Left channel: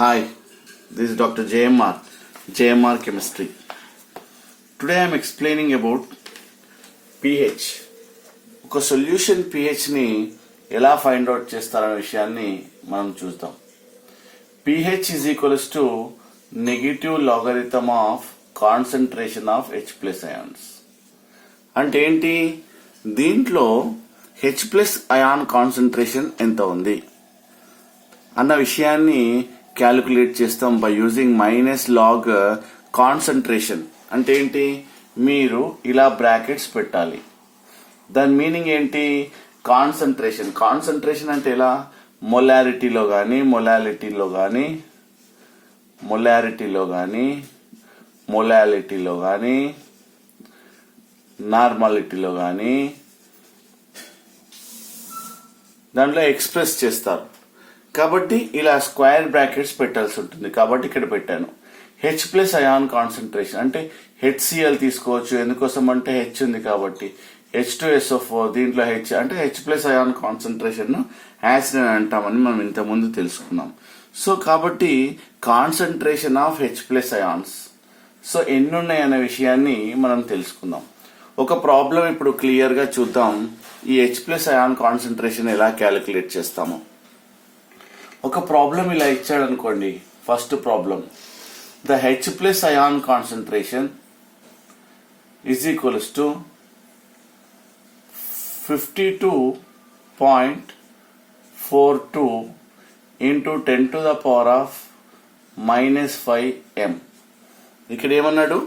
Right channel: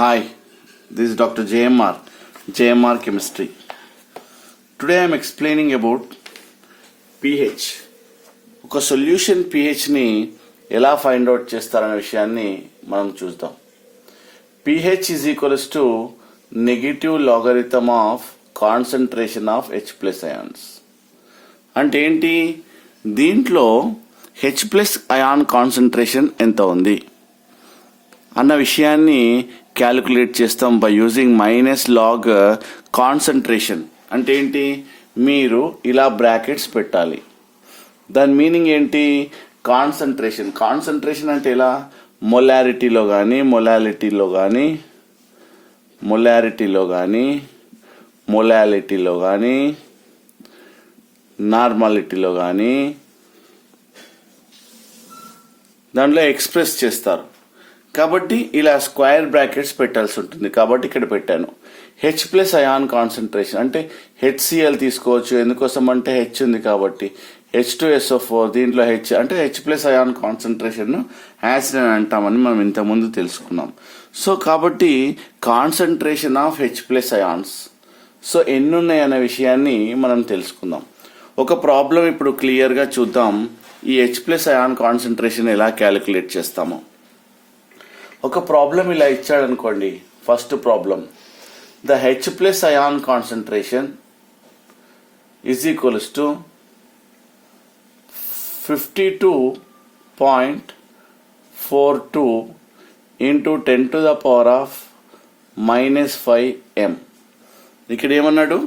Hi, this is Dr. JMR Chemistry. Today I am explaining about pH. ఒక solution pH ని ఎలా find out చేస్తారనే విషయాన్ని మనం చూద్దాం. pH is equals to negative logarithm of concentration of H plus ions. అంటే ఏంటి? దీంట్లో H plus ion కాన్సంట్రేషన్ ఎంత ఉంది అన్న విషయాన్ని క్యాలిక్యులేట్ చేస్తాం by using minus log concentration. అంటే ఏంటి? మీరు ఇలా బ్రాకెట్స్ పెట్టాలి. దాని మీనింగ్ ఏంటి? కాన్సంట్రేషన్ అంటే ఇలా మొలారిటీలో కానీ నార్మాలిటీలో కానీ దాంట్లో ఎక్స్ప్రెస్ చేస్తారు. కాబట్టి ఇలా స్క్వేర్ బ్రాకెట్స్ పెట్టాల్సి ఉంటుంది. కాబట్టి ఇక్కడ పెట్టాను. హెచ్ ప్లస్ అయాన్ కాన్సన్ట్రేషన్ అంటే HCl తీసుకోవచ్చు. ఎందుకోసం అంటే హెచ్ ఉంది కాబట్టి. H2SO4 దీంట్లో హెచ్ అంటే H plus ion concentration acid అని అంటామని మనం ఇంతకుముందు తెలుసుకున్నాం. సో కాబట్టి concentration of H plus ions so ఎన్ని ఉన్నాయి అనే విషయాన్ని మనం తెలుసుకుందాం. ఒక ప్రాబ్లం ఇప్పుడు క్లియర్ గా చూద్దాం. ఈ హెచ్ ప్లస్ అయాన్ కాన్సన్ట్రేషన్ ఎలా క్యాలిక్యులేట్ చేస్తామో. ఒక ప్రాబ్లం ఇలా ఇచ్చాడు అనుకోండి. First problem, the H plus ion concentration is equals to 52.42 into 10 to the power of -5 m. ఇక్కడ ఏమన్నాడు?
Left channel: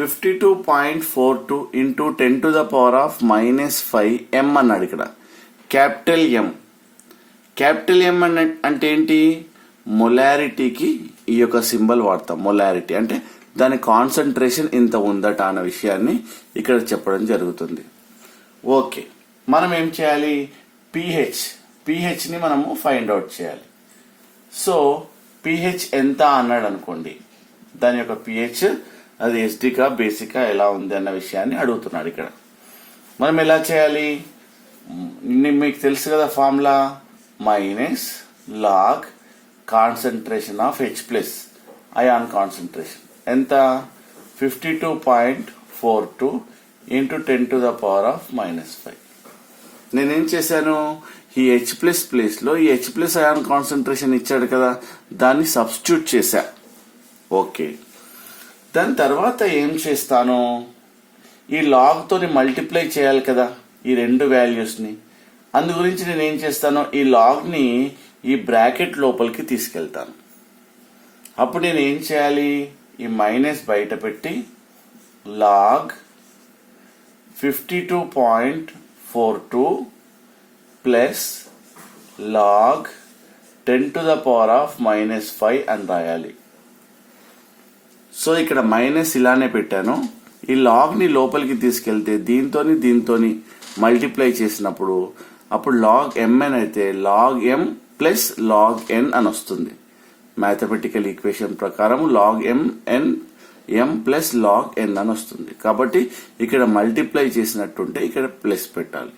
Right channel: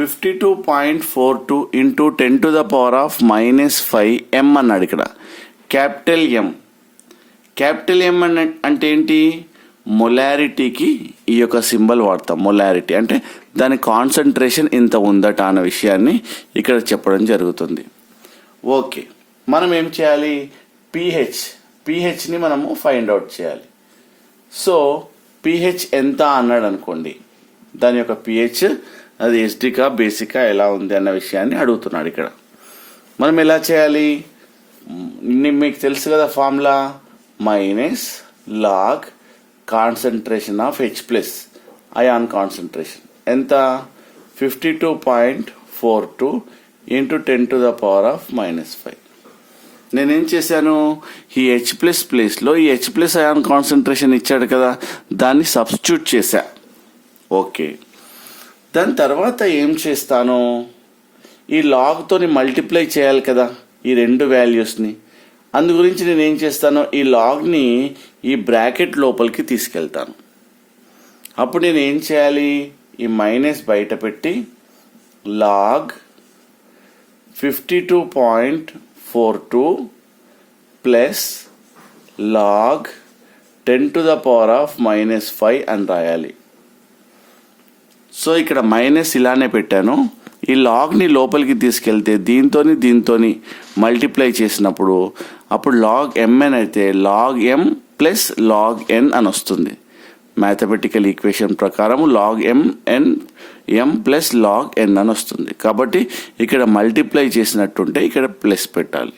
52.42 into 10 to the power of -5 m అన్నాడు. ఇక్కడ క్యాపిటల్ ఎం అంటే ఏంటి? మొలారిటీకి ఈ యొక్క సింబల్ వాడతాం. మొలారిటీ అంటే దాని కాన్సన్ట్రేషన్ ఇంత ఉందట అన్న విషయాన్ని ఇక్కడ చెప్పడం జరుగుతుంది. ఓకే, మనం ఏం చేయాలి? pH ని మనము ఫైండ్ అవుట్ చేయాలి. సో pH ఎంత అన్నాడు అనుకోండి. దాని యొక్క pH అది ఎసిడికా బేసికా ఎలా ఉంది అన్న విషయాన్ని అడుగుతున్నాడు. ఇక్కడ మనం ఎలా చేయాలి? మీకు తెలుసు కదా formula, minus log concentration of H plus ion concentration ఎంత? 52.42 into 10 to the power of -5. నేనేం చేశాను? ఈ హెచ్ ప్లస్ ప్లేస్లో ఈ హెచ్ ప్లస్ అయాన్ కాన్సన్ట్రేషన్ ఇచ్చాడు కదా, దాన్ని సబ్స్టిట్యూట్ చేశా. ఓకే, దాని తర్వాత ఏం చేస్తాను? ఈ లాగ్తోని మల్టిప్లై చేయాలి కదా ఈ రెండు వాల్యూస్ని. అందు గురించి నేను ఏం చేస్తాను? ఈ లాగ్ని ఈ బ్రాకెట్ లోపలికి తీసుకెళ్తాను. అప్పుడు నేను ఏం చేయాలి? ఈ మైనస్ బయట పెట్టి log 52.42 plus log 10 to the power of -5 అని రాయాలి. సో ఇక్కడ మైనస్ ఇలానే పెట్టాను. ఈ లాగ్ని లోపలికి తీసుకెళ్తే దీంతోని మల్టిప్లై చేసినప్పుడు అప్పుడు లాగ్ mn అయితే log m plus log n అని వస్తుంది. మ్యాథమెటికల్ ఈక్వేషన్ ప్రకారం log m plus log n అని వస్తుంది. కాబట్టి ఇక్కడ మల్టిప్లై చేసినట్టుంటే ఇక్కడ ప్లస్ పెట్టాలి.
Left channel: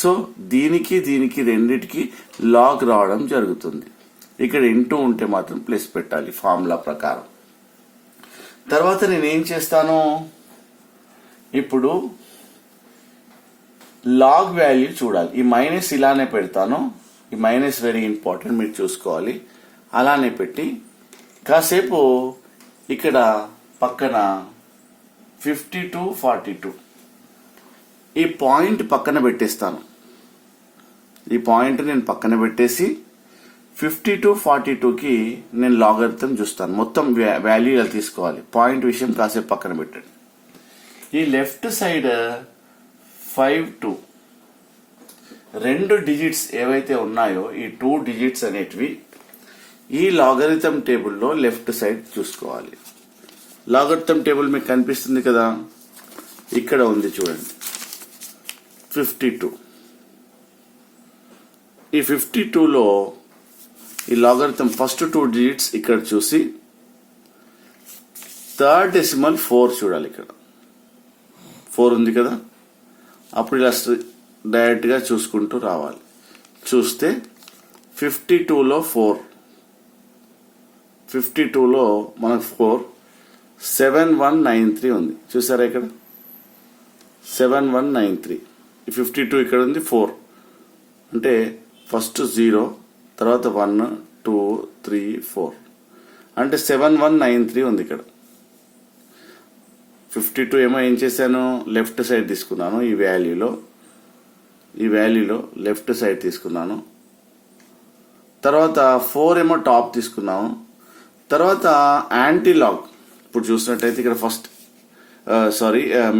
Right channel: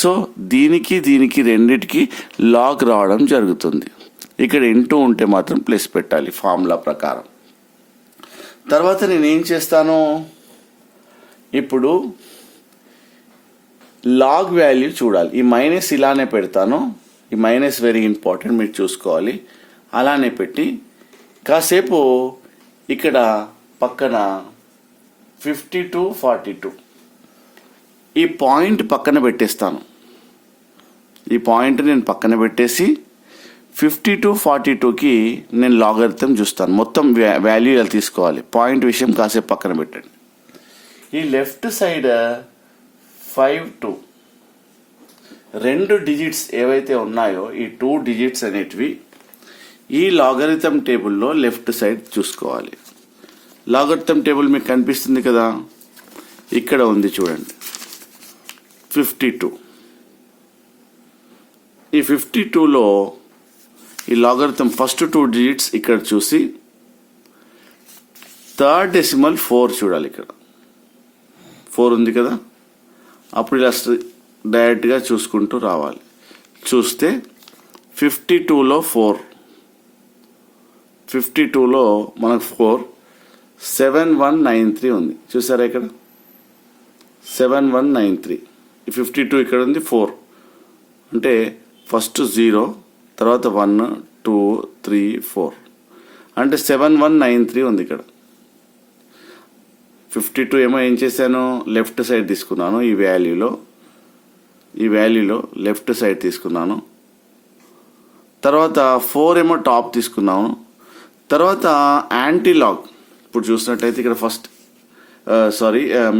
సో దీనికి రెండిటికి లాగ్ రావడం జరుగుతుంది. ఇక్కడ ఇంటూ ఉంటే మాత్రం ప్లస్ పెట్టాలి ఫార్ములా ప్రకారం. తర్వాత నేనేం చేస్తాను? ఇప్పుడు లాగ్ వాల్యూ చూడాలి. ఈ మైనస్ ఇలానే పెడతాను. ఈ మైనస్ వెరీ ఇంపార్టెంట్, మీరు చూసుకోవాలి. అలానే పెట్టి కాసేపు ఇక్కడ పక్కన 52.42 ఈ పాయింట్ పక్కన పెట్టేస్తాను. ఈ పాయింట్ నేను పక్కన పెట్టేసి 52.42కి నేను లాగరిథం చూస్తాను. మొత్తం వాల్యూ ఇలా తీసుకోవాలి. పాయింట్ విషయం కాసేపు పక్కన పెట్టండి. ఈ లెఫ్ట్ సైడ్ 5 రెండు డిజిట్స్ ఏవైతే ఉన్నాయో ఈ 2 డిజిట్స్ అనేటివి ఈ లాగరిథం టేబుల్లో లెఫ్ట్ సైడ్ చూసుకోవాలి. లాగరిథం టేబుల్ మీకు కనిపిస్తుంది కదా, ఇక్కడ ఉంది చూడండి 52. ఈ 52లో ఈ లాగరిథం ఫస్ట్ 2 డిజిట్స్ ఇక్కడ చూసి థర్డ్ డెసిమల్ 4 చూడాలి. ఇక్కడ 4 ఉంది కదా, అప్పుడు ఇలా డైరెక్ట్గా చూసుకుంటూ రావాలి. చూస్తే 52లో 4 52లో మనకు 4 7193 ఉంది. చూసారా ఇక్కడ 7193. 52 ఇక్కడ ఉంది 4 అంటే ఫస్ట్ 0 తర్వాత 1 2 3 4 అంటే 7193 ఉంది ఇక్కడ. 52 ఏమో ఏం చేశాను, లెఫ్ట్ సైడ్ తీసుకున్నాను, ఈ వాల్యూలో లెఫ్ట్ సైడ్ తీసుకున్నాను. తర్వాత 4 ఏమో టాప్ తీసుకున్నాను. తర్వాత యాంటీలాగ్ ఇప్పుడు చూసినట్టయితే ఇక్కడ ఫస్ట్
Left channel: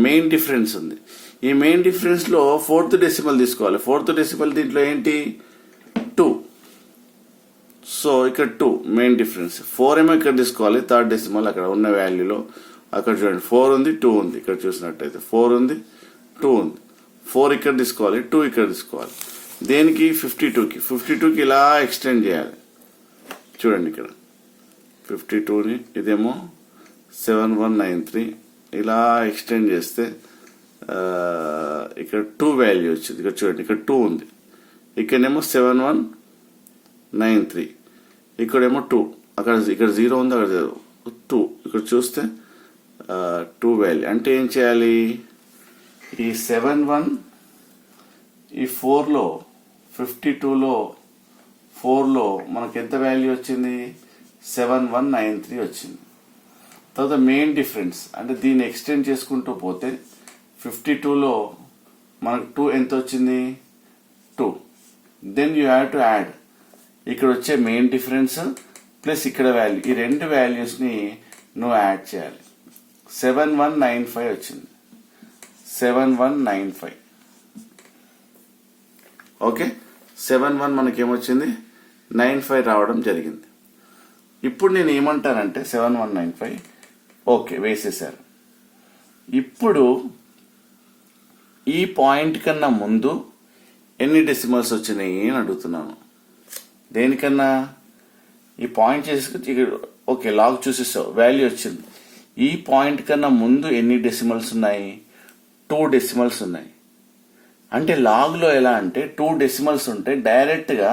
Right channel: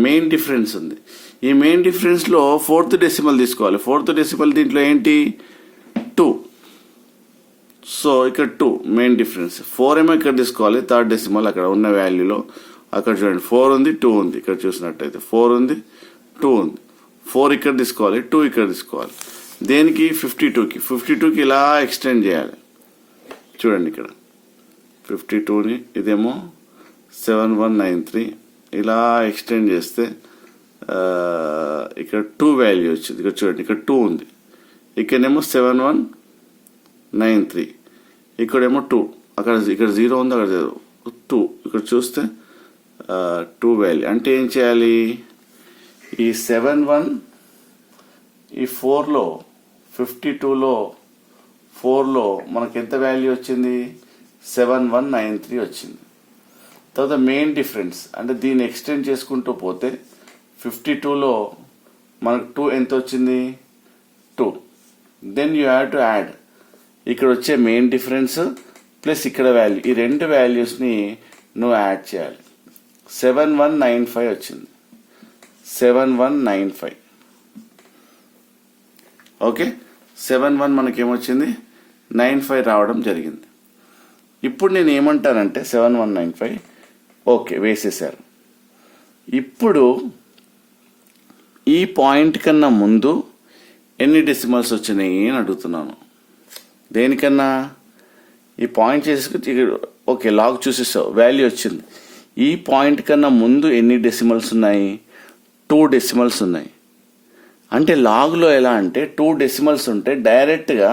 మెయిన్ డిఫరెన్స్ ఉంది. ఈ మెయిన్ డిఫరెన్స్ లో 4th డెసిమల్ తీసుకోవాలి. 4th డెసిమల్ దీంట్లో ఏంటి 2. సో ఇక్కడ 2 మెయిన్ డిఫరెన్స్. 4 ఏమో ఇక్కడ తీసుకోవాలి, 3rd డెసిమల్ అక్కడ ఉన్న వాల్యూలో. అక్కడ చూడండి 4 ఉంది 2 ఉంది. ఇక్కడ చూసినట్టయితే 4 ఉంది 2 ఉంది. 4 ఇక్కడ తీసుకోవాలి, 2 ఇక్కడ తీసుకోవాలి. దేనికి 52కి ఇలా ఎక్స్టెండ్ చేయాలి. చూడండి ఇక్కడ 52ని ఇదేమో 7193 ఇలా ఎక్స్టెండ్ చేస్తే ఇక్కడ 2 వాల్యూ వచ్చింది. ఇక్కడ చూడండి ఇక్కడ 2 ఉంది, ఇక్కడేమో 7193, ఇక్కడేమో 2, ఇక్కడ 0 ఉంది, అక్కడ 2. ఇక్కడ చూస్తే 2 వాల్యూ అంటే ఏం చేయాలి, ఈ 71 ఈ 4లో 52లో 4లో మనకి ఎంత వాల్యూ వచ్చింది 7193 వచ్చింది. తర్వాత మెయిన్ డిఫరెన్స్ అంటే దీన్ని ఎక్స్టెండ్ చేసుకుంటూ పోతే 52లో మనకు 2 ఎంత వచ్చింది 2. Then you have to add ఇక్కడ వచ్చే మెయిన్ డిఫరెన్స్ ప్లస్ ఇక్కడ వాల్యూ, ఈ రెండు వాల్యూస్ని నువ్వు యాడ్ చేయాలి. 7195 వచ్చింది, 7195. ఓకే 71 మనకేమొచ్చింది 95 రావడం జరిగింది. ఇప్పుడు నేను ఏమంటానంటే 7195 ఓకే వేసేసారు. ఇప్పుడు ఈ పాయింట్ కన్నా ముందు ఎన్ని డెసిమల్స్ వచ్చినాయి అని అడుగుతున్నాను. దేనికన్నా ఈ పాయింట్ చేసుకుని ఓకే లాగ్ చూసేసావు, వాల్యూ వచ్చింది. ఈ పాయింట్ కన్నా ముందు ఎన్ని డెసిమల్స్ ఉన్నాయి 2 డెసిమల్స్ ఉన్నాయి. అంటే లాగ్లో ఎలా అంటే 2 డెసిమల్స్ ఉంటే డైరెక్ట్గా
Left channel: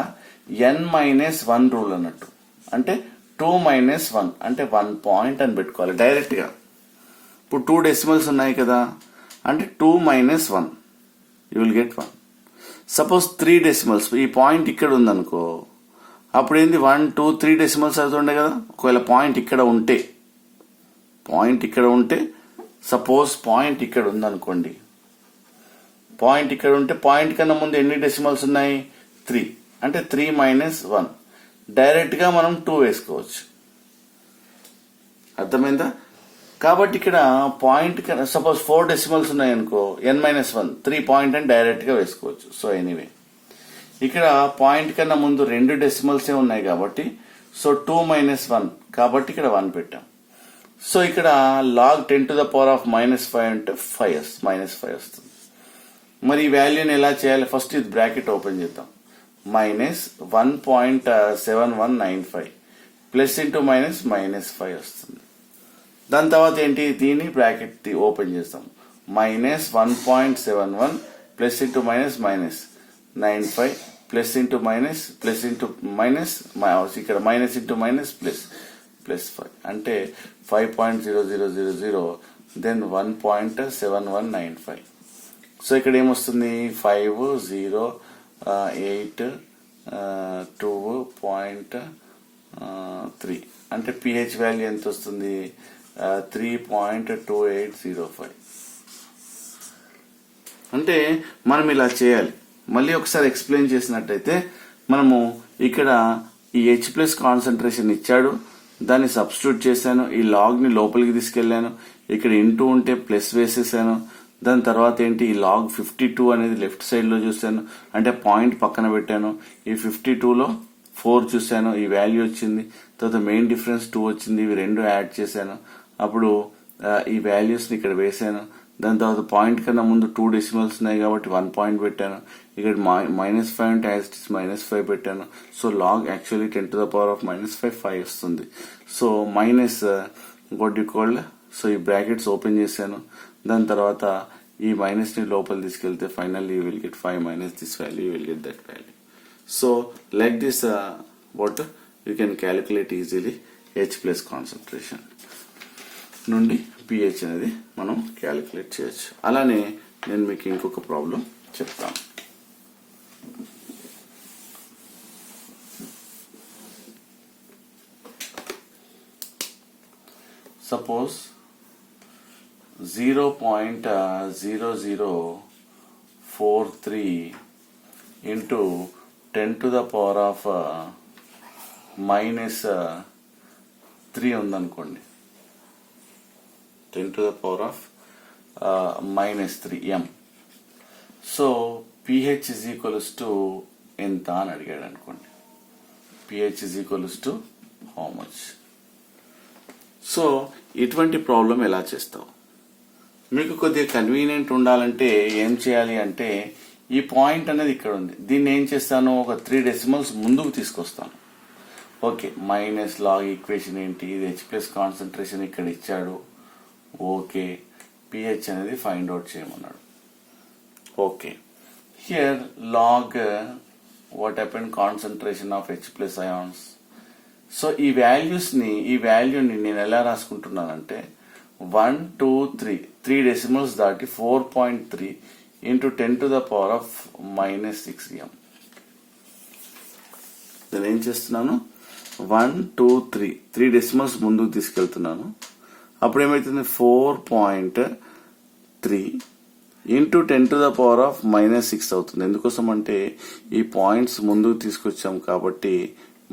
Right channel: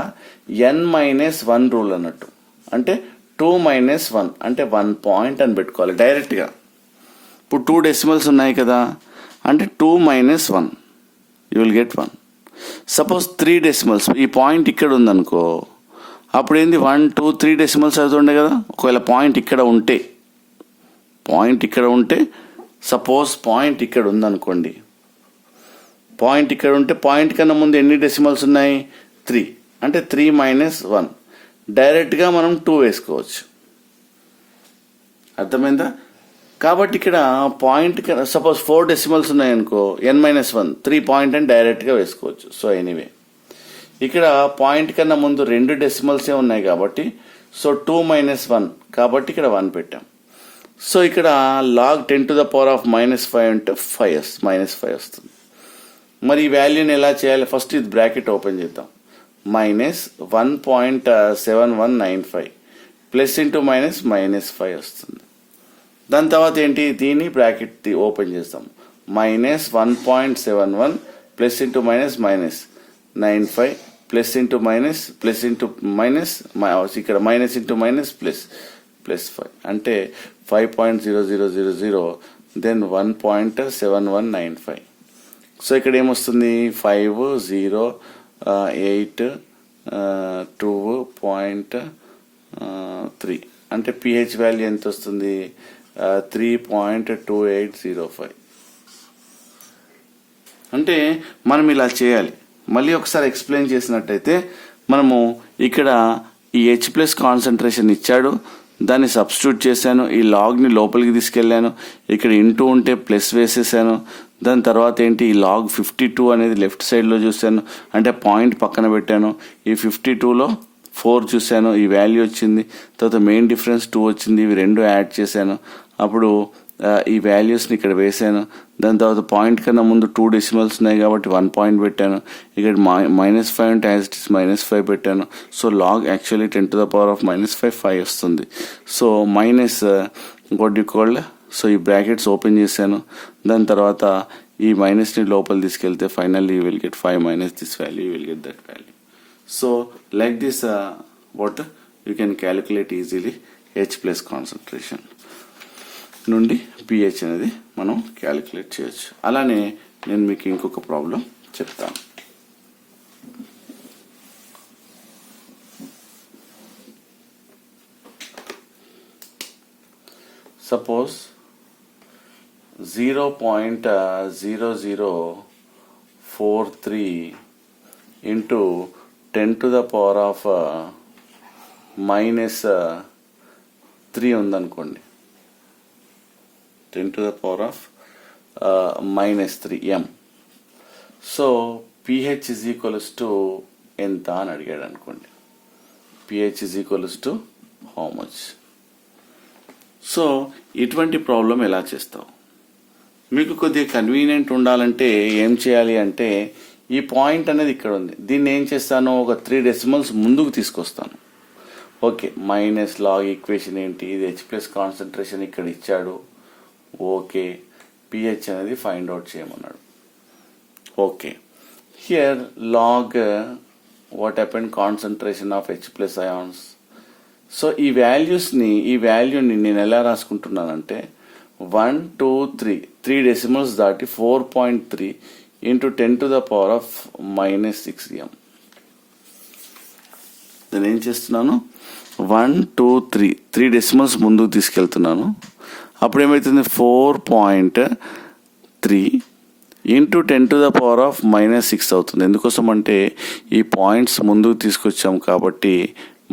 n-1 రూల్ అన్నట్టు. అంటే 2 - 1 అంటే 1 పాయింట్ అని పెట్టుకోవాలి డైరెక్ట్గా. ఇప్పుడు 2 డెసిమల్స్ ఉన్నాయి కదా అంటే 2 - 1 you will get 1. Suppose 3 decimals ఈ పాయింట్ ఇక్కడ ఉందనుకో, అప్పుడు ఏంది 1 2 3 డెసిమల్స్ అవుతుండే కదా. ఒకవేళ పాయింట్ ఇక్కడ ఉంటే సపోజ్ పాయింట్ ఇక్కడ ఉందనుకోండి, పాయింట్ ఇక్కడ ఉంటే పాయింట్ కన్నా ముందు ఎన్ని డెసిమల్స్ ఉన్నాయి 3 అంటే 3 - 1 డైరెక్ట్గా మనం 2 వేసుకోవచ్చు. అర్థమైందా? కాబట్టి ఇక్కడ పాయింట్ సపోజ్ 4 డెసిమల్స్ ఉన్నాయనుకో n-1 3 పాయింట్ అని డైరెక్ట్గా వేసుకోవచ్చు. సో ఎనీవే ఇక్కడ పాయింట్ కన్నా ముందు 2 డెసిమల్సే ఉన్నాయి కాబట్టి సో 2 - 1 కాబట్టి ఇక్కడ 1 పెట్టాం. సో ఇక్కడ log 10⁻⁻5 అంటే 5 -5 వస్తుంది. మరి ఈ వాల్యూని ఎలా చేయాలి, ఫస్ట్ ఇది బ్రాకెట్ ఓపెన్ చేద్దాం. -1.7195 ప్లస్ ఇంటూ మైనస్ -5 వస్తుంది. దాని తర్వాత ఏంటి, దీన్ని బ్రాకెట్ ఓపెన్ చేస్తాం. -1.71 plus into -95 plus into minus ఇక్కడ మైనస్ ఇంటూ మైనస్ ప్లస్ 5 అంటే 5.0000 దెన్ 1.7195. సో ఇక్కడ ఏమొస్తుంది 508.2.3 అంటే pH వాల్యూ ఎంత వస్తుంది 3.2805. అంటే మనం ఇలా చేయాలి. మళ్ళీ ఒకసారి ఎక్స్ప్లెయిన్ చేసినట్టయితే మనము ఇక్కడ ఈ H+ కాన్సన్ట్రేషన్ ఇచ్చాడు, దాన్ని సబ్స్టిట్యూట్ చేశాను, ఈ లాగ్ని లోపలికి తీసుకెళ్ళాను, ఇక్కడ ఇంటూ ఉంటే ప్లస్ వేసేసాను. దాని తర్వాత ఏంటి, ఈ లాగ్ 52 అనేది లెఫ్ట్ సైడ్లో చూశాను అంటే పాయింట్ పక్కన పెట్టాను. ఈ 52లో 4 చూశాను, ఈ వాల్యూ వచ్చింది. తర్వాత మెయిన్ డిఫరెన్స్ 2 వచ్చింది, ఇవి రెండు యాడ్ చేశాను. అప్పుడు ఈ వాల్యూస్ని ఇక్కడ వేసాను. దాని తర్వాత పాయింట్ కన్నా ముందు 2 డెసిమల్స్ ఉన్నాయి కాబట్టి 1 పాయింట్ పెట్టాను. ఇక్కడ -5 అంటే యాజ్ ఇట్ ఇస్ -5 పెట్టాను. సో లాగ్ యాక్చువల్లీ 10⁻⁻5 వస్తుంది. So minus what you called, so ఈ బ్రాకెట్స్ ఓపెన్ చేశాను. దాని తర్వాత ఈ మైనస్ని లోపల తీసుకెళ్తే finally you will get 5 minus this value, you will get that value. So like this what you can calculate easily H plus concentration నుండి pH అనేది మనం క్యాలిక్యులేట్ చేయొచ్చు. అలానే నేను మీకు ఇంకొక ప్రాబ్లం చెప్తాను. Suppose 0.0043 into 10 to the power of minus 3 ఉందనుకోండి. 10 to the power of minus 3 m. So pH is equals to ఎంత అని అడిగాడు అనుకోండి. pH is equals to how much? So ఇటువంటి ప్రాబ్లం ఎలా చేస్తావు? మీకు కొద్దిగా కన్వీనియంట్ ఉండాలంటే ఏం చేయాలి అంటే ఈ పాయింట్ అనేది ఇక్కడ ఉంది, దీన్ని ఏం చేస్తాను, ఒక 3 డెసిమల్స్ ముందుకు తీసుకొస్తాను. ఓకే, మైనస్ లాగ్ ఈక్వేషన్ ఏంటి, ఇది హెచ్ ప్లస్ కాన్సన్ట్రేషన్ ఇక్కడ ఇచ్చాడు. ఓకే, పిహెచ్ అనేది ఫైండ్ అవుట్ చేయమన్నాడు. Okay, here log what happen concentration of H plus ions. So ఈ వాల్యూని నేను ఎలా రాసుకుంటున్నానంటే 1 2 3 డెసిమల్స్ దాటి 4.3 into 10 to the power of minus 6 m. నేను ఏం చేస్తున్నాను, 1 2 3 డెసిమల్స్ ముందుకు తీసుకెళ్తున్నాను. అప్పుడు ఏమవుతుంది, 4.3 into 10 to the power of minus 6 అవుతుంది. ఎందుకోసం అంటే ఈ పాయింట్స్ ముందుకు తీసుకొచ్చాం కాబట్టి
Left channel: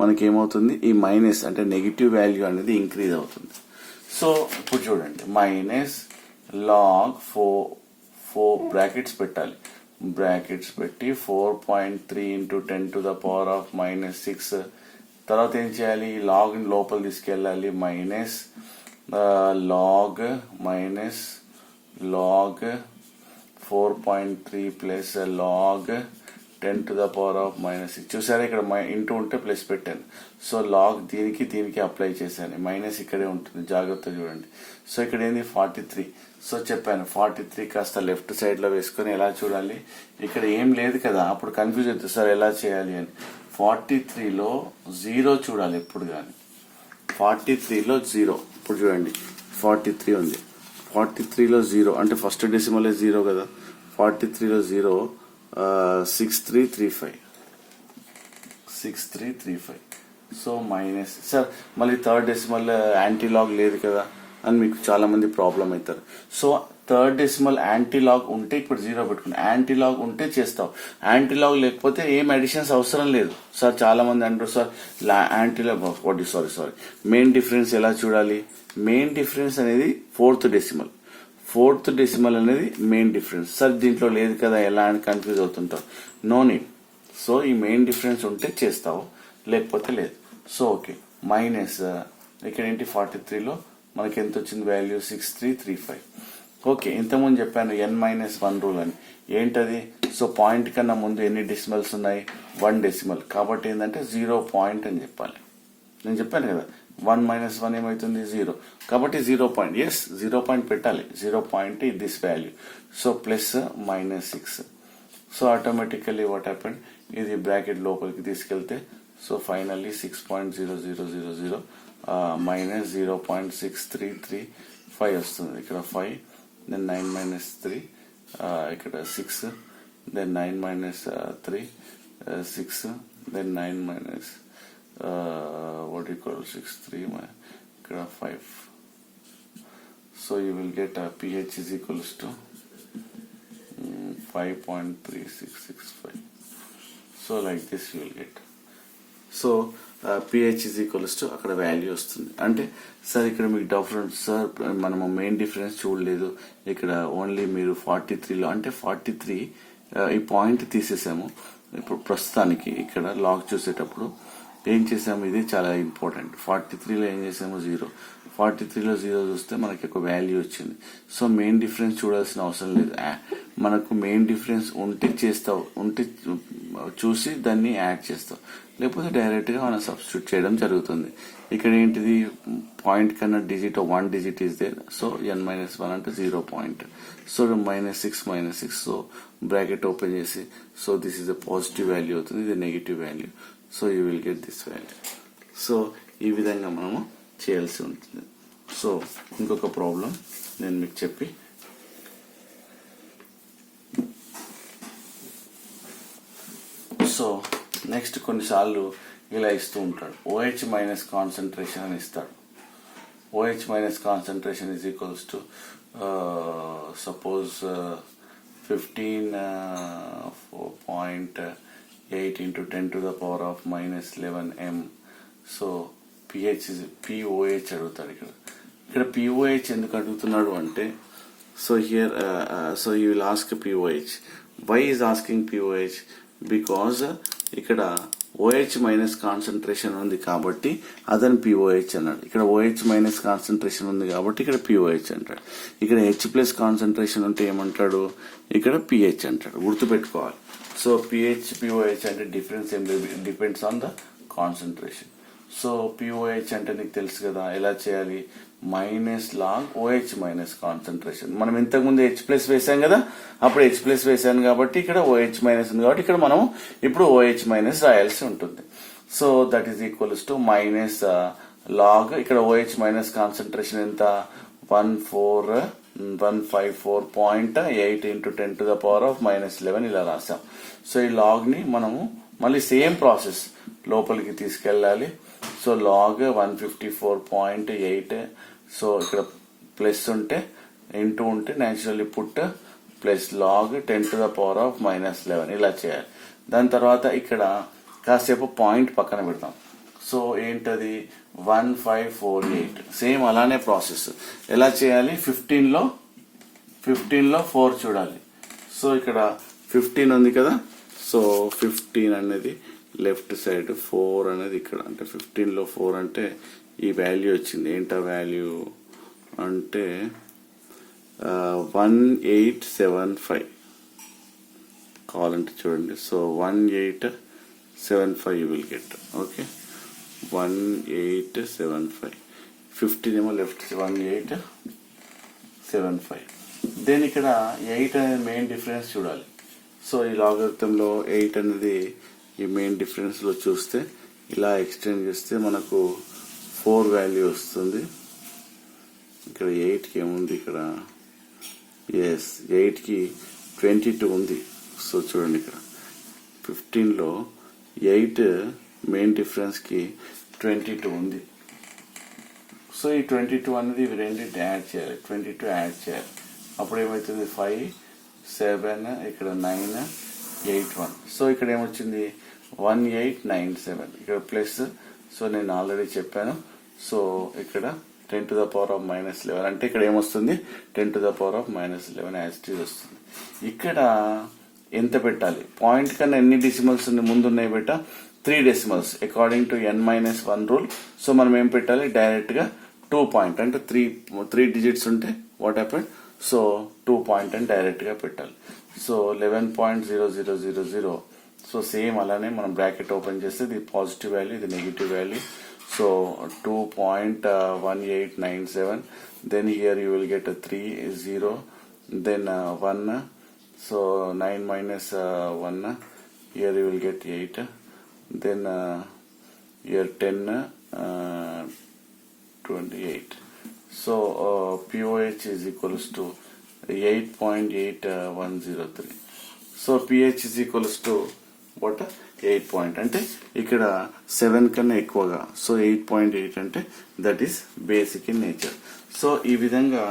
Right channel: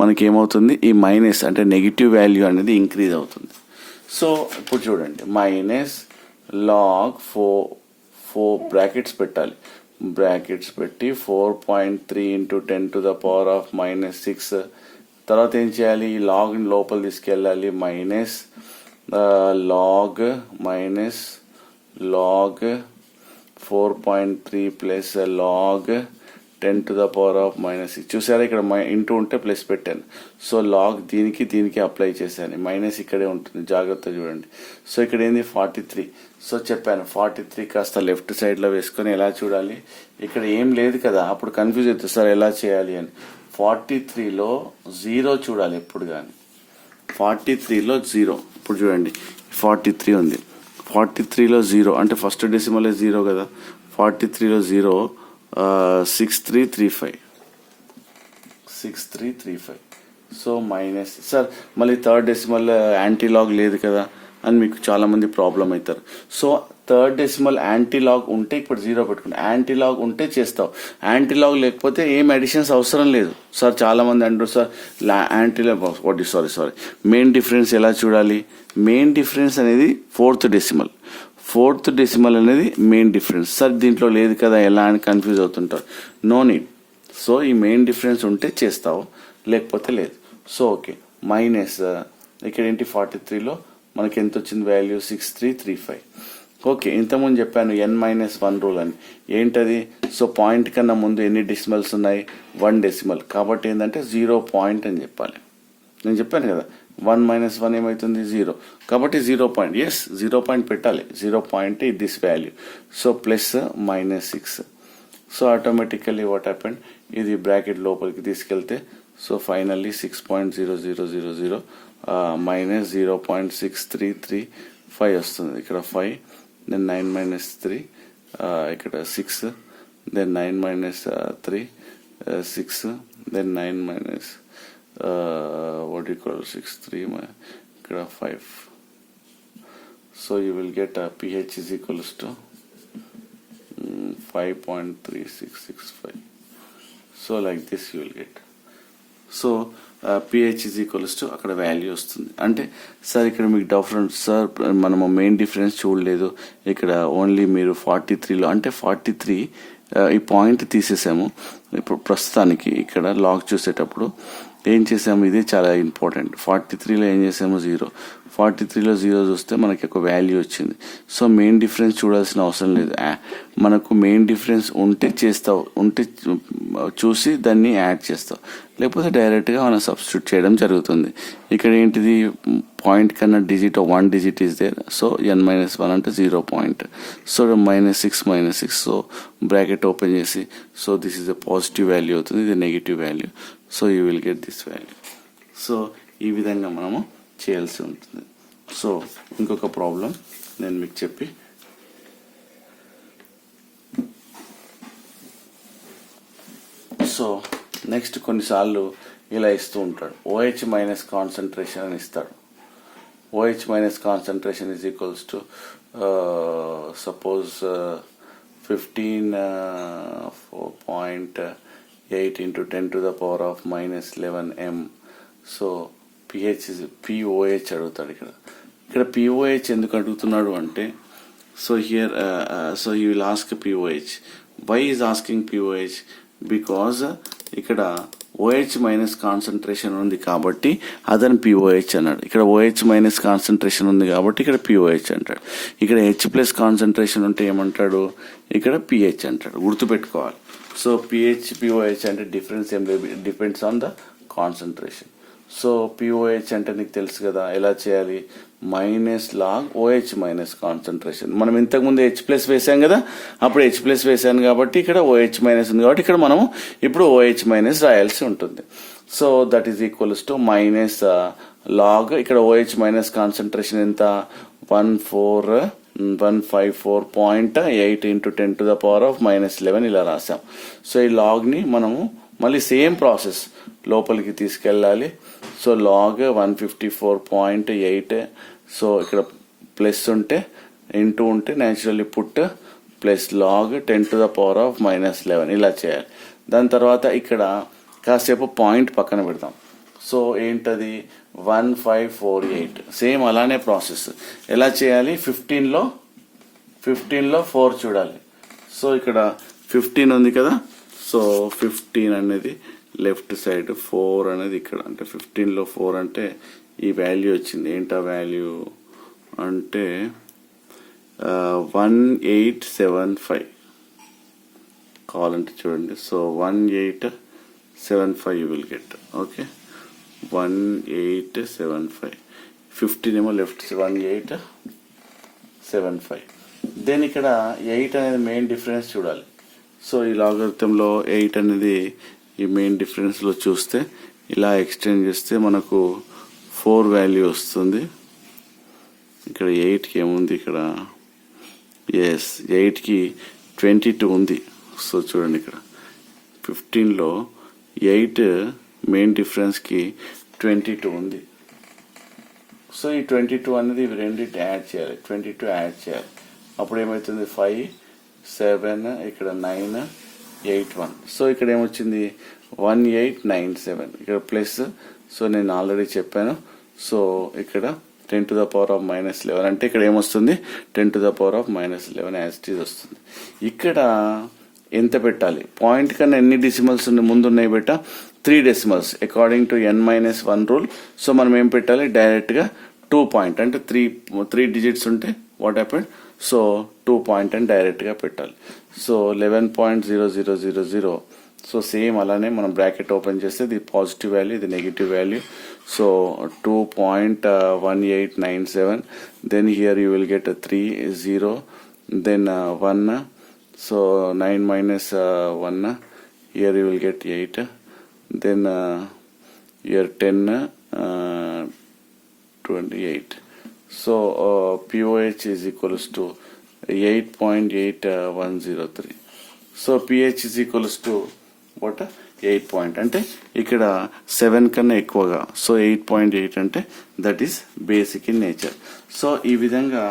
మనకేమవుతుంది, ఈ మైనస్ అంటే నెగిటివ్ వాల్యూ అనేది ఇంక్రీజ్ అవుతుంది. సో ఇప్పుడు చూడండి, మైనస్ లాగ్ 4 బ్రాకెట్స్ పెట్టాలి. బ్రాకెట్స్ పెట్టి 4.3 into 10 to the power of minus 6. తర్వాత ఏం చేయాలి, లాగ్ లోపల తీసుకెళ్ళాలి. Minus log 4.3 plus log 10 to the power of minus 6. చూసారా, ఇక్కడ ఇంటూ ఉంటే ప్లస్ పెట్టాను. సో లాగ్ దీనికి అప్లై చేశాను. మైనస్ ఇక్కడే ఉంటుంది, జాగ్రత్త చూడండి. సో ఇక్కడ ఏంది 43. సో చెప్పాను 43 కాస్త లెఫ్ట్ సైడ్లో వేసుకొని ఎలా చూడాలి, ఇక్కడ ఏం లేదు కదా, అప్పుడు కన్ఫ్యూజ్ అవుతుంది సార్ ఎలా చేయాలి అని. 43లో 0 చూడాలి ఎప్పుడు కానీ. 43లో 0. ఇప్పుడు చూడండి 43 ఉంది, 43లో 0 అంటే ఫస్ట్ డెసిమల్ 0 కదా. 43లో 0 6335. సో మైనస్ సార్ మళ్ళీ థర్డ్ డెసిమల్ యాంటీలాగ్ లేదు కదా అని మీకు చాలా మంది ప్రాబ్లం అవుతారు. సో థర్డ్ డెసిమల్ యాంటీలాగ్ ఉంటే ఇప్పుడు 0 పెట్టుకుంటా, యాంటీలాగ్ ఉంటే చేస్తావు, యాంటీలాగ్ లేకపోతే ఏం అడిషన్స్ అవసరం లేదు. సార్ చాలా మంది అంటారు sir antilog sorry main difference ఎలా చూడాలి. మెయిన్ డిఫరెన్స్ అనేది ఫోర్త్ డెసిమల్ అనేది మెయిన్ డిఫరెన్స్. సార్ దీంట్లో లేదు కదా ఎలా అని కన్ఫ్యూజ్ అవుతుంటారు. No need. సో ఈ మెయిన్ డిఫరెన్స్ ఉంటే చేస్తావు, లేకపోతే లేదు. సో ఓకే, మైనస్ ఇక్కడ ఏంటి 43లో మనకి ఎంత వచ్చింది వాల్యూ 6335. ఓకే, ఇంతకుముందు చెప్పాను n-1 రూల్ అని. ఏంటది, సో పాయింట్ కన్నా ముందు ఎన్ని డెసిమల్స్ ఉన్నాయి, 1 డెసిమల్. కాబట్టి ఏంటంటే 0 పాయింట్ అని చెప్పాలి. నేను చెప్పాను కదా 1 - 1 ఏమవుతుంది 0. కాబట్టి 0 పాయింట్, ఎస్ 0 పాయింట్ పెట్టాలి. 0 point this value. So plus -6. So automatically what happened, ఇది బ్రాకెట్ లోపలికి తీసుకెళ్తే సో ఫైనల్లీ 6.0000 మైనస్ 0.6335 వస్తుంది. ఇక్కడ 5, దెన్ 9 - 3, ఇక్కడ 6, then 9 - 3 6, then 9 what do you call 6 3 ఇక్కడ 5. So you will get pH is equals to 5.3665. So like this you will get. So pH is equals to అక్కడ value వస్తుంది. అంటే sir ఇక్కడ మీకు difference sir మనము మెయిన్ డిఫరెన్స్ చూడలేదు, ఇక్కడ only మీరు 43లో అంటే 43 ఈ పాయింట్ తీసేసాము. ఇప్పుడు ప్రస్తుతానికి ఇక్కడ లాగ్ చూసేటప్పుడు ఏం చేసాము, ఇది చాలా ఇంపార్టెంట్. 43లో ఏం చేసాము 0. 43లో 0 చూస్తే మనకి ఒక వాల్యూ వచ్చింది. సో మెయిన్ డిఫరెన్స్ చూడాల్సిన అవసరం లేదు, మనకు మెయిన్ డిఫరెన్స్ ఉంటే చేస్తావు, ఉంటే చూసి దాన్ని యాడ్ చేస్తావు, లేకపోతే డైరెక్ట్గా మనం సబ్స్టిట్యూట్ చేయడం జరుగుతుంది. ఇక్కడ ఏంటిది పాయింట్ కన్నా digit 1 digit is there. So n-1 అంటే 0 point. So -6 so bracket open చేసి so this is the positive value అవుతుంది, ఇది negative value. So you will get this value. So ఈ విధంగా మనము చేయాల్సి ఉంటుంది. సో ఇంకొక ప్రాబ్లం నేను మీకు చెప్పి సో నెక్స్ట్ కొన్నిసార్లు ఇలా ఇస్తూ ఉంటాడు. OH మైనస్ కాన్సన్ట్రేషన్ అని ఇస్తాడు. OH minus concentration is equals to suppose 15.8 into 10 to the power of minus 11 m. So pH is POH అడుగుతాడు. ఇక్కడ POH ఎందుకు అడుగుతున్నాడు అంటే so here so you will ask POH. Why is asking POH? Because ఇక్కడ OH minus concentration ఉంది కాబట్టి అదని POH అన్నాడు. ఇక్కడ OH మైనస్ కాన్సన్ట్రేషన్ ఉంది కాబట్టి ఇక్కడ POH అంటాడు. ఇక్కడ H ప్లస్ కాన్సన్ట్రేషన్ ఉంటే ఏమంటాడు? ఇక్కడ pH అంటాడు. గుర్తుపెట్టుకోవాలి. సో POH అంటే డిఫరెన్స్ ఏం లేదు, depends on the concentration. So POH అంటే నీకు తెలుసు కదా ఎలా చేయాలి, minus log OH minus concentration. మనం ఇంతకుముందు H ప్లస్ వేసాం కదా, అప్పుడు H ప్లస్ వేసాను కాబట్టి ఇక్కడ OH మైనస్ ఉంది కాబట్టి ఇక్కడ మనం ఇప్పుడు OH మైనస్ రాయాల్సి ఉంటుంది. So that is equals to minus log ఇక్కడ OH మైనస్ కాన్సన్ట్రేషన్ ఎంత 154.8 into 10 to the power of minus 11 ఇలా రాసాం. సో ఈ లాగ్ ని మనము మళ్ళీ సేమ్ ప్రాసెస్ లోపలికి తీసుకెళ్ళాలి. సో లాగ్ 154.8 సో ఇక్కడ ప్లస్ ఉంటే ఇంటూ ఉంటే naturally put plus log 10 to the power of minus 11 ఇలా చేయాలి. దాని తర్వాత ఇక్కడ కాసేపు పాయింట్ పక్కన పెడతాం. సో ఏంటది 1548 సేమ్ అలానే ప్రాసెస్ ఎలా చేయాలి, 15లో 4 చూడాలి. సో ఇక్కడ 15 ఉంది కదా, సో 15 అనేది లెఫ్ట్ సైడ్, 4 అనేది ఇక్కడ, అంటే 15లో 4 అంటే ఈ వాల్యూ వచ్చింది. ఏంటా వాల్యూ అంటే 1875 కావాలంటే చూడండి. So 1875 you will get. Okay 1875, 15 ఏమో లెఫ్ట్ 1875. దెన్ ఇక్కడ 8 అనేది మెయిన్ డిఫరెన్స్ చూడాలి. సో ఈ లాగరిథంలో 8 అనేది ఈ మెయిన్ డిఫరెన్స్ లో చూస్తే ఇలా ఎక్స్టెండ్ చేస్తే మనకు 4 వాల్యూ వస్తుంది. ఇక్కడ 8కి ఏముంది, ఇక్కడ 8కి 22 ఉంది. సో చూడండి ఇక్కడ 15లో 8 మెయిన్ డిఫరెన్స్ కి 22 ఉంది. సో ఈ 22 అనేది ఇవి రెండింటి యాడ్ చేయాలి, 22 యాడ్ చేయాలి. అప్పుడు ఏమవుతుంది 5, 7 ఇక్కడ 9, 8, 1. సో ఇక్కడ ఏమొచ్చింది 1897 ఇక్కడ ప్లస్. సో నేను ఆల్రెడీ చెప్పాను. సో ఇక్కడ 10 to the power of minus 11 అంటే ఇక్కడ ఏమొస్తుంది 10 to the power of minus 11 as it is వస్తుంది. ఇక్కడ ఎంత పెట్టాలి, పాయింట్ కన్నా ఎన్ని డెసిమల్స్ ముందు ఉన్నాయి బెట్ట 3 decimals according to n-1 rule. So మనం ఏం పెట్టాలి, డైరెక్ట్ గా 2 పాయింట్ అంటే 3 డిజిట్స్ ఉంటే వాట్ హ్యాపెండ్, సో 2 పాయింట్ అని డైరెక్ట్ గా పెట్టాలి. సో 11.0000. సో సేమ్ అలానే మనం బ్రాకెట్ ఓపెన్ చేస్తే ఇది పాజిటివ్ వాల్యూ, ఇది negative value. So 2.1897. Then here you will get 3, 0, then 1. So 9 minus 1, here you will get 8, then here 10, 28. So POH is equals to 8.8103. So pH is equals to what, 8 point అంటే ఇక్కడ 7 కన్నా ఎక్కువగా. So 8.8 అంటే that is basic in nature. So ఈ విధంగా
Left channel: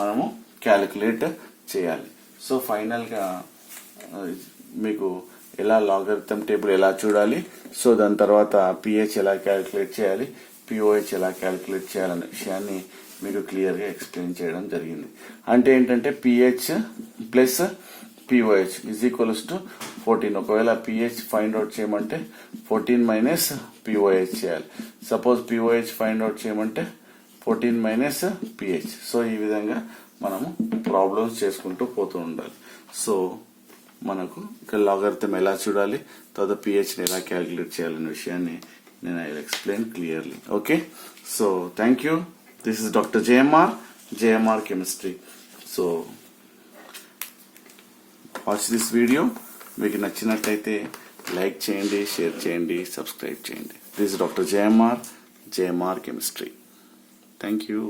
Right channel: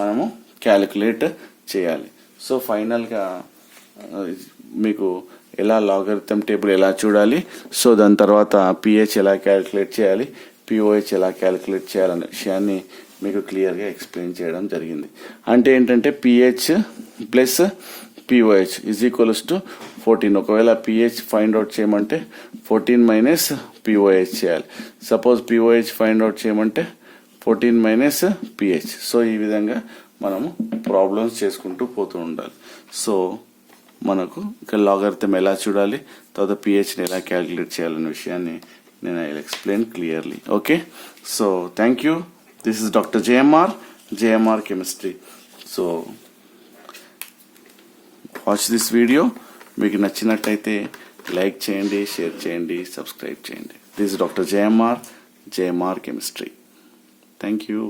మనము calculate చేయాలి. So ఫైనల్గా మీకు ఎలా లాగరిథం టేబుల్ ఎలా చూడాలి, సో దాని తర్వాత pH ఎలా క్యాలిక్యులేట్ చేయాలి, POH ఎలా క్యాలిక్యులేట్ చేయాలనే విషయాన్ని మీకు క్లియర్గా ఎక్స్ప్లెయిన్ చేయడం జరిగింది. అంటే ఏంటంటే pH plus POH is equals to 14. ఒకవేళ pH ఫైండ్ అవుట్ చేయమంటే 14 మైనస్ POH చేయాలి. సపోజ్ POH ఫైండ్ అవుట్ చేయమంటే 14 మైనస్ pH. సో ఈ విధంగా మనము ప్రాబ్లమ్స్ చేసుకుంటూ పోతూ ఉండాలి. సో మనకు ఇక్కడ లాగరిథం ఎలా చూడాలి, తర్వాత pHని ఎలా క్యాలిక్యులేట్ చేయాలనే విషయాన్ని నేను I will explain clearly. Okay, so thank you. This is doctor JMR chemistry. So watch this video. మీకు నచ్చినట్టయితే లైక్ చేయండి, షేర్ చేయండి, సబ్స్క్రైబ్ చేయండి. This is doctor JMR chemistry. Thank you.